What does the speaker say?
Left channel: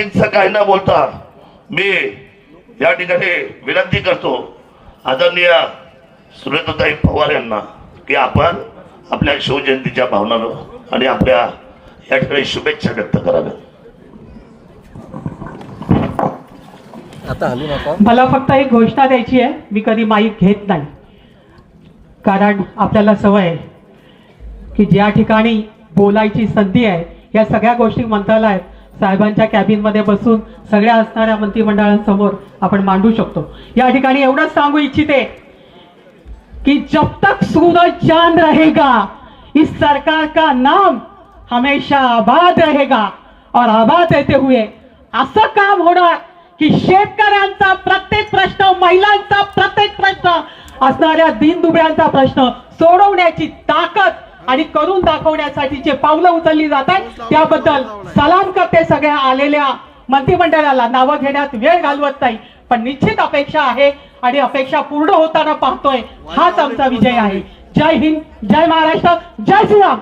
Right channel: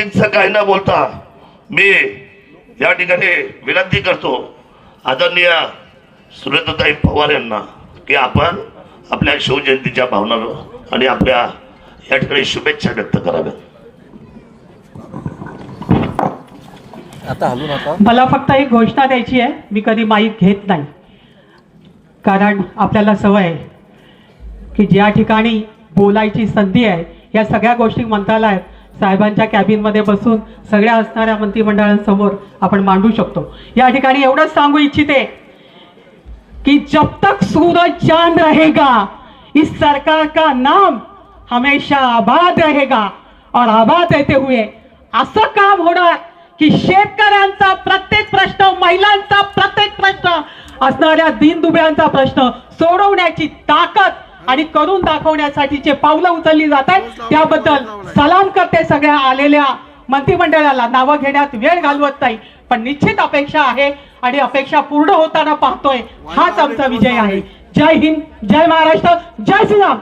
अधिकचं काही न बोलता मी या ठिकाणी विनंती करतो आदरणीय सुरेंद्रताई पवार यांना की आपण आपल्या शिवजयंतीच्या भावनानं आणि आपल्या या ठिकाणी शुभेच्छा व्यक्त कराव्या. आता हलू नका. मला फक्त एक घोषणा द्यायची आहे. मी कधी माईक घेत नाही, कारण आपल्याला सवय आहे की ज्या ठिकाणी बोलायची संधी आहे या सगळ्या गोष्टी मंत्रालयात साहेबांच्या कॅबिनमध्ये बसून सगळ्या असणाऱ्या मंत्रिमंडळांसमोर आपण मांडू शकतो. या ठिकाणी एवढंच सांगू इच्छिते कि जब तक सूरज चांद रहेगा इस सरकार का नाम हमेशा आबाद रहेगा और आबाद रहते हुए असं काम होणार की शेतकऱ्यांचा प्रत्येक प्रश्न, महिलांचा प्रत्येक प्रश्न, असणाऱ्या दीनदुबळ्यांचा प्रश्न सोडवण्याची ताकद आणि करून दाखवण्यासाठीचे पावलं उचलली जातात. त्याबद्दल सलाम करते सगळ्या आलेल्या मंत्रिमंडळाला. नावं घेण्यात वेळ घालवत नाही, पण निश्चित अपेक्षा आहे आणि अपेक्षा पूर्ण होताना पाहतोय. हाच आमचा विजय आहे. जय हिंद, जय महाराष्ट्र, जय श्रीराम.